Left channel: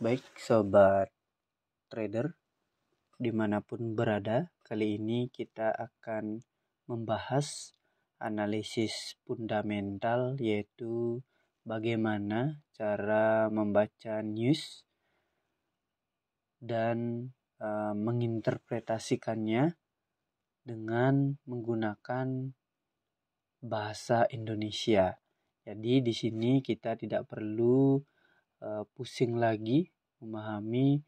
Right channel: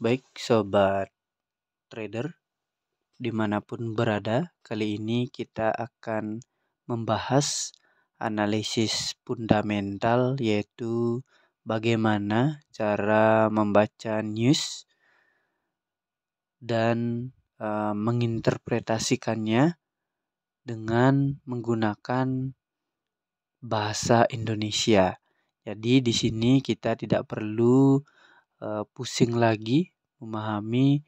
Baik sobat trader dimanapun berada, kali ini kita akan membahas analisis fundamental, yaitu bagaimana cara membaca news dan menginterpretasikannya dengan menggunakan bahasa Indonesia. Jadi di sini kita tidak perlu pusing lagi memahami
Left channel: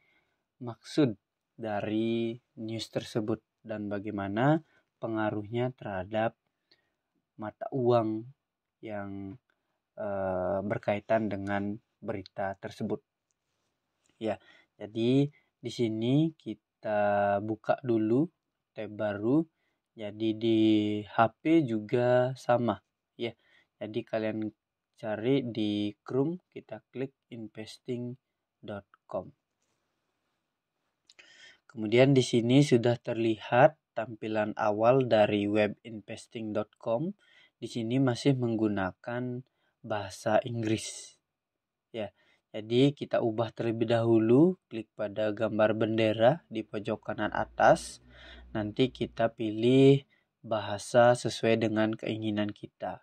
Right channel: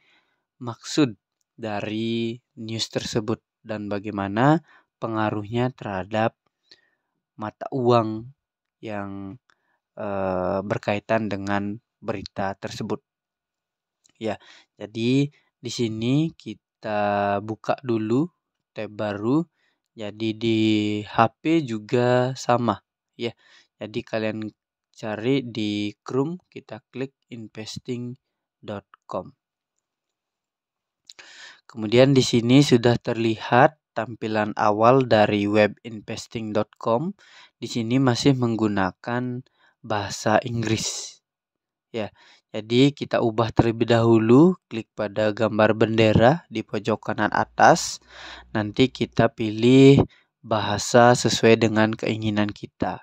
maksud dari news tersebut dan bagaimana pengaruhnya terhadap mata uang yang berkaitan dengan berita tersebut. Ya, jadi di sini kita buka dulu tab baru. Jadi di HP juga sama, ya. Jadi kalian cari di Chrome, kita klik investing.com. Kemudian di sini sudah terlihat tampilan awal dari web investing.com. Di sini masih menggunakan bahasa Inggris. Ya, jadi kita ubah terlebih dahulu, klik pada gambar bendera di pojok kanan atas. Nanti kita pilih bahasa sesuai dengan keinginan kita.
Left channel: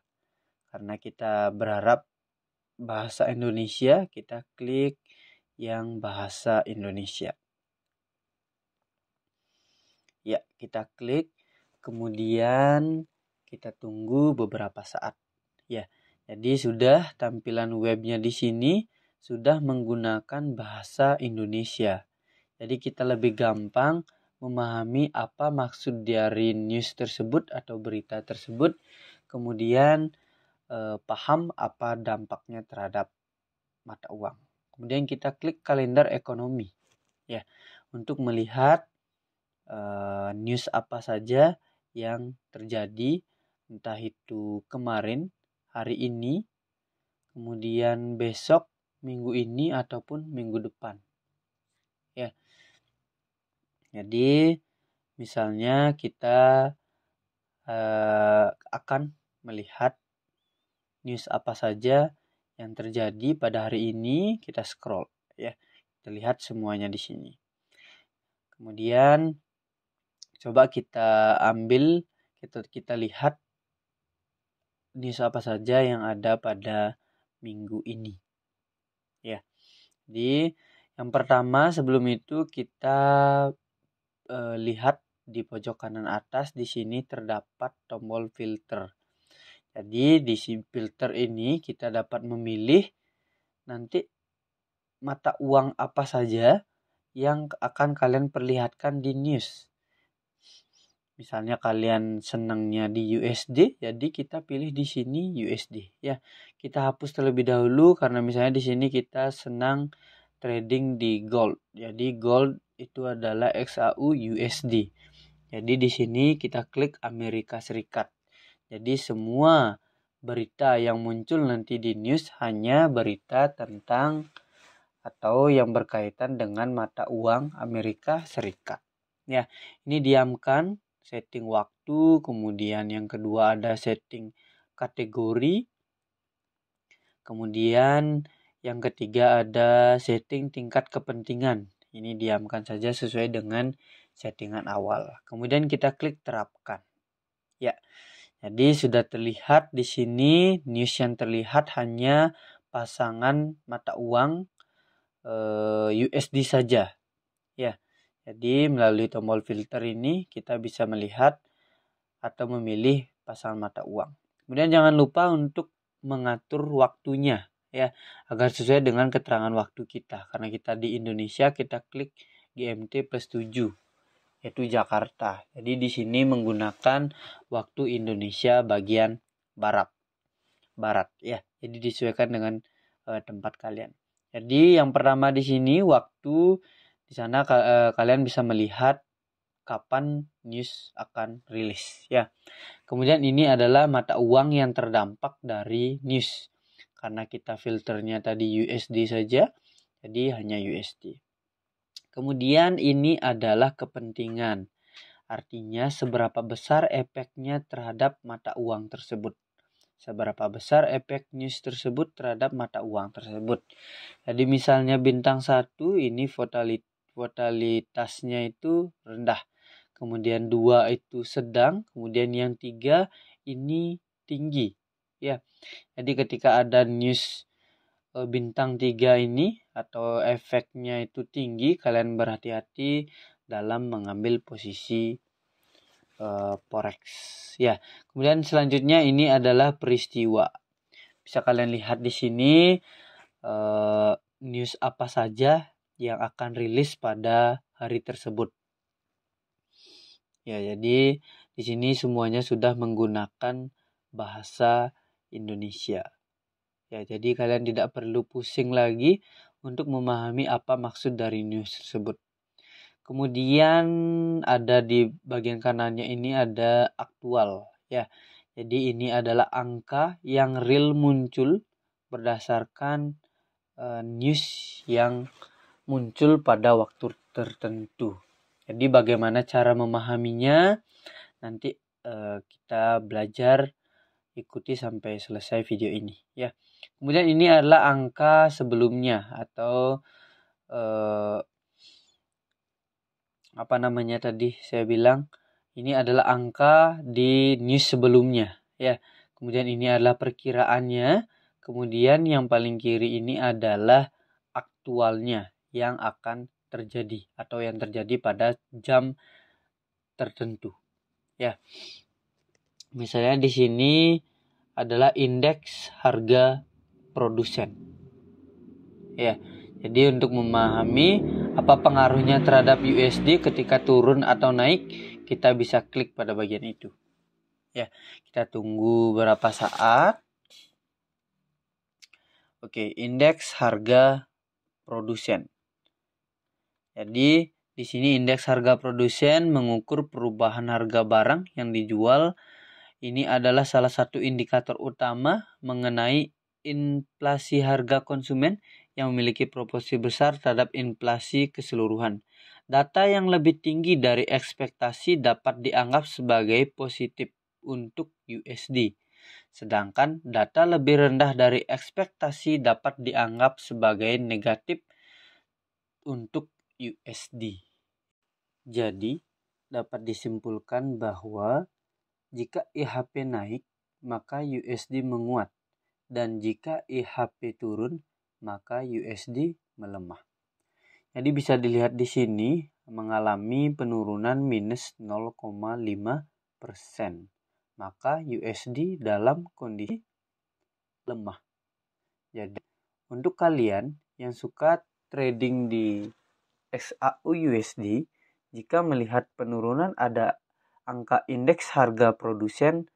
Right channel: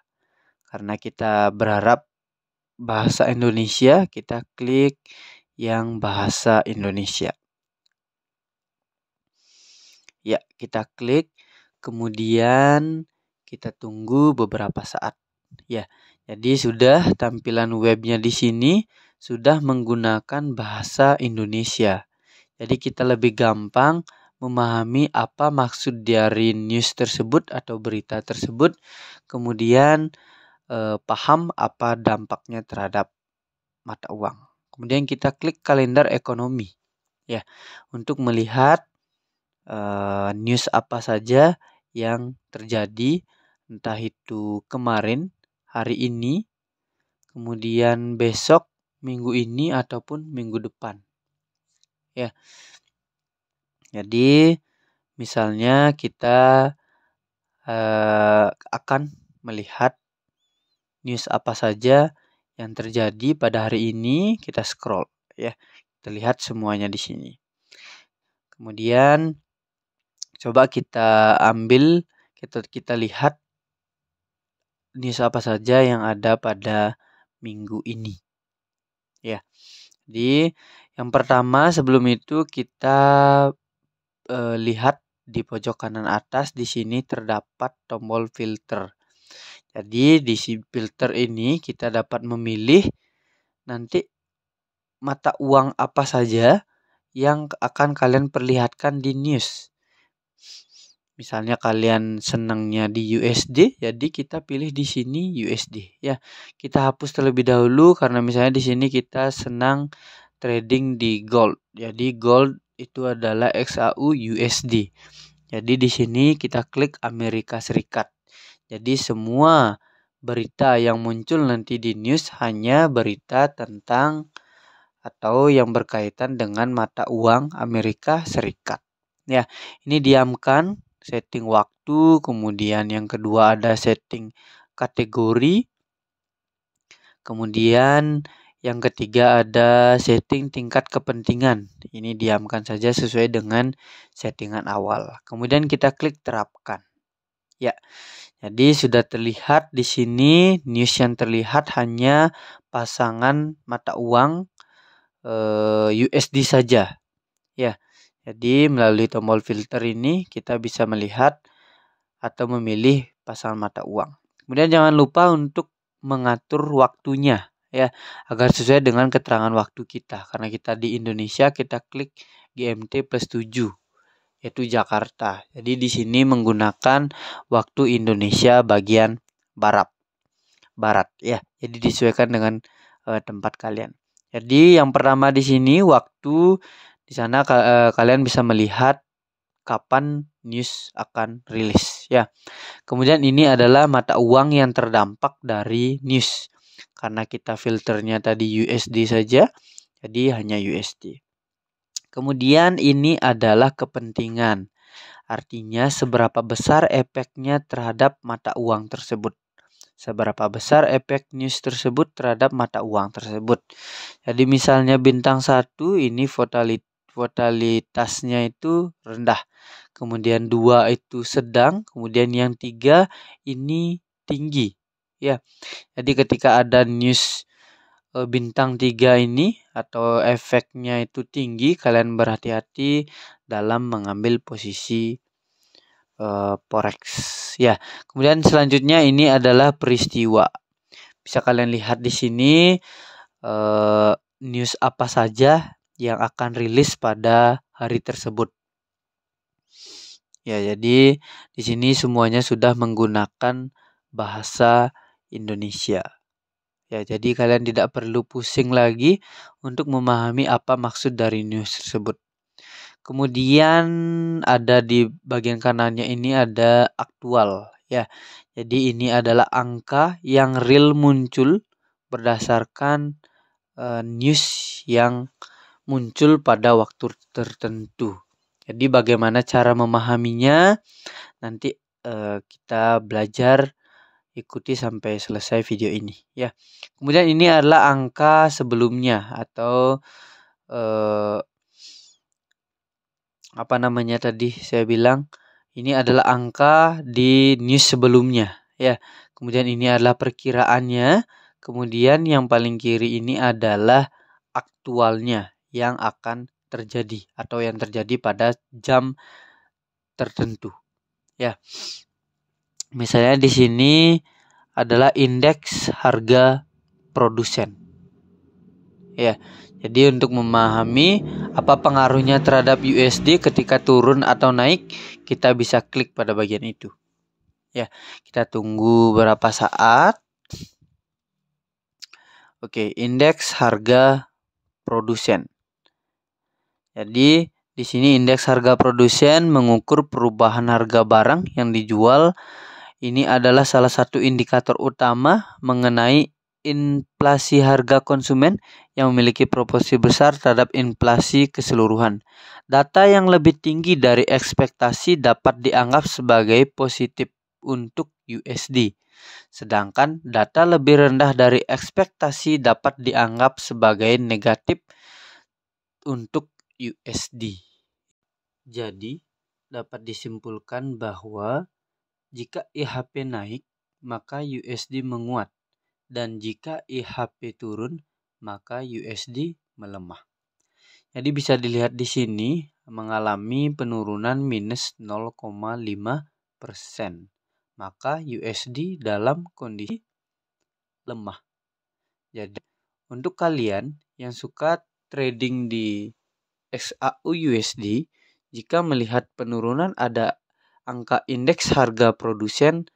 Karena kita berharap bahasa Indonesia, kita klik yang bahasa Indonesia. Ya, kita klik, kemudian kita tunggu beberapa saat. Ya, jadi sudah tampilan webnya di sini sudah menggunakan bahasa Indonesia. Jadi kita lebih gampang memahami apa maksud dari news tersebut atau berita tersebut, kemudian paham apa dampaknya terhadap mata uang. Kemudian kita klik kalender ekonomi, ya, untuk melihat news apa saja yang terjadi, entah itu kemarin, hari ini, kemudian besok, minggu ini, ataupun minggu depan. Ya, jadi misalnya kita akan melihat news apa saja yang terjadi pada hari ini, kita scroll, ya, kita lihat semuanya di sini. Kemudian coba kita ambil, kita lihat news apa saja yang ada pada minggu ini. Ya. Jadi yang pertama, sebelum itu kita lihat di pojok kanan atas, di sini terdapat tombol filter. Jadi di filter ini kita dapat memilih nanti mata uang apa saja yang akan kalian perlihatkan di news. Misalnya kalian senangnya di USD, jadi kita pilih di sini USD, ya. Kita hapus terlebih dahulu karena misalnya di sini kita senang trading di gold. Jadi gold itu adalah XAU USD. Jadi di sini kita klik Amerika Serikat. Jadi semua berita yang muncul nanti di news hanya berita tentang atau yang berkaitan dengan mata uang Amerika Serikat. Ya, ini diamkan, setting waktu, kemudian yang kedua ada setting kategori, kemudian yang ketiga ada setting tingkat kepentingan. Ini diamkan saja sesuai dengan settingan awal. Kemudian kita klik terapkan. Ya, jadi sudah terlihat di sini news yang terlihat hanya pasangan mata uang USD saja. Ya, jadi melalui tombol filter ini kita bisa melihat atau memilih pasangan mata uang. Kemudian jangan lupa untuk mengatur waktunya, ya, agar sesuai dengan keterangan waktu kita. Karena kita di Indonesia, kita klik GMT +7, yaitu Jakarta. Jadi di sini menggunakan waktu Indonesia bagian barat, ya. Jadi disesuaikan dengan tempat kalian. Jadi yang pertama di sini waktu, di sana kalian bisa melihat kapan news akan rilis, ya. Kemudian ini adalah mata uang yang terdampak dari news. Karena kita filternya tadi USD saja, jadi hanya USD. Kemudian ini adalah kepentingan. Artinya seberapa besar efeknya terhadap mata uang tersebut. seberapa besar efek news tersebut terhadap mata uang tersebut. Jadi misalnya bintang 1 ini volatilitasnya itu rendah. Kemudian 2 itu sedang, kemudian yang 3 ini tinggi. Ya. Jadi ketika ada news bintang 3 ini atau efeknya itu tinggi, kalian berhati-hati dalam mengambil posisi forex. Ya, kemudian selanjutnya ini adalah peristiwa. Bisa kalian lihat di sini news apa saja yang akan rilis pada hari tersebut. Ya, jadi di sini semuanya sudah menggunakan bahasa Indonesia. Ya, jadi kalian tidak perlu pusing lagi untuk memahami apa maksud dari news tersebut. Kemudian ada di bagian kanannya ini ada aktual ya. Jadi ini adalah angka yang real muncul berdasarkan news yang muncul pada waktu tertentu. Jadi bagaimana cara memahaminya? Nanti kita belajar, ikuti sampai selesai video ini ya. Kemudian ini adalah angka sebelumnya atau apa namanya tadi saya bilang ini adalah angka di news sebelumnya ya. Kemudian ini adalah perkiraannya. Kemudian yang paling kiri ini adalah aktualnya yang akan terjadi atau yang terjadi pada jam tertentu ya. Misalnya di sini adalah indeks harga produsen. Ya. Jadi untuk memahami apa pengaruhnya terhadap USD ketika turun atau naik, kita bisa klik pada bagian itu. Ya, kita tunggu berapa saat. Oke, indeks harga produsen. Jadi di sini indeks harga produsen mengukur perubahan harga barang yang dijual. Ini adalah salah satu indikator utama mengenai inflasi harga konsumen yang memiliki proporsi besar terhadap inflasi keseluruhan. Data yang lebih tinggi dari ekspektasi dapat dianggap sebagai positif untuk USD. Sedangkan data lebih rendah dari ekspektasi dapat dianggap sebagai negatif untuk USD. Jadi, dapat disimpulkan bahwa jika IHP naik, maka USD menguat. Dan jika IHP turun, maka USD melemah. Jadi bisa dilihat di sini mengalami penurunan minus 0,5%. Maka USD dalam kondisi lemah. Jadi untuk kalian yang suka trading di XAU USD, jika melihat penurunan ada angka indeks harga produsen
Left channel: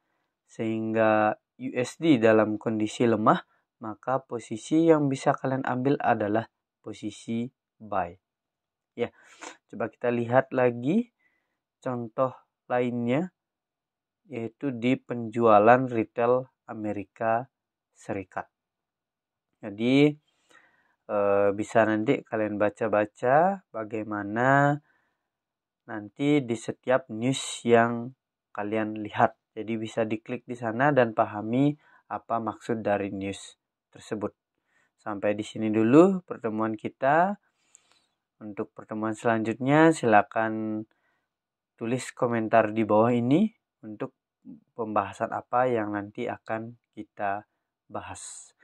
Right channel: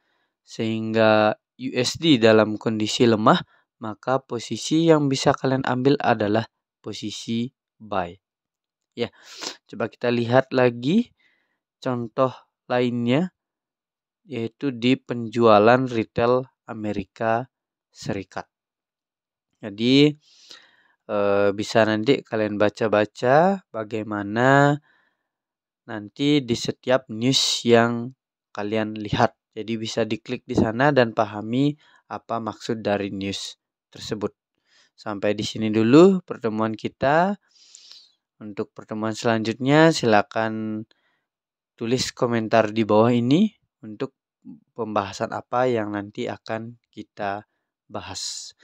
sehingga USD dalam kondisi lemah, maka posisi yang bisa kalian ambil adalah posisi buy. Ya, coba kita lihat lagi contoh lainnya yaitu di penjualan retail Amerika Serikat. Jadi bisa nanti kalian baca-baca bagaimana nanti di setiap news yang kalian lihat. Jadi bisa diklik di sana dan pahami apa maksud dari news tersebut. Sampai di sini dulu pertemuan kita. Untuk pertemuan selanjutnya silakan tulis komentar di bawah ini untuk pembahasan apa yang nanti akan kita bahas.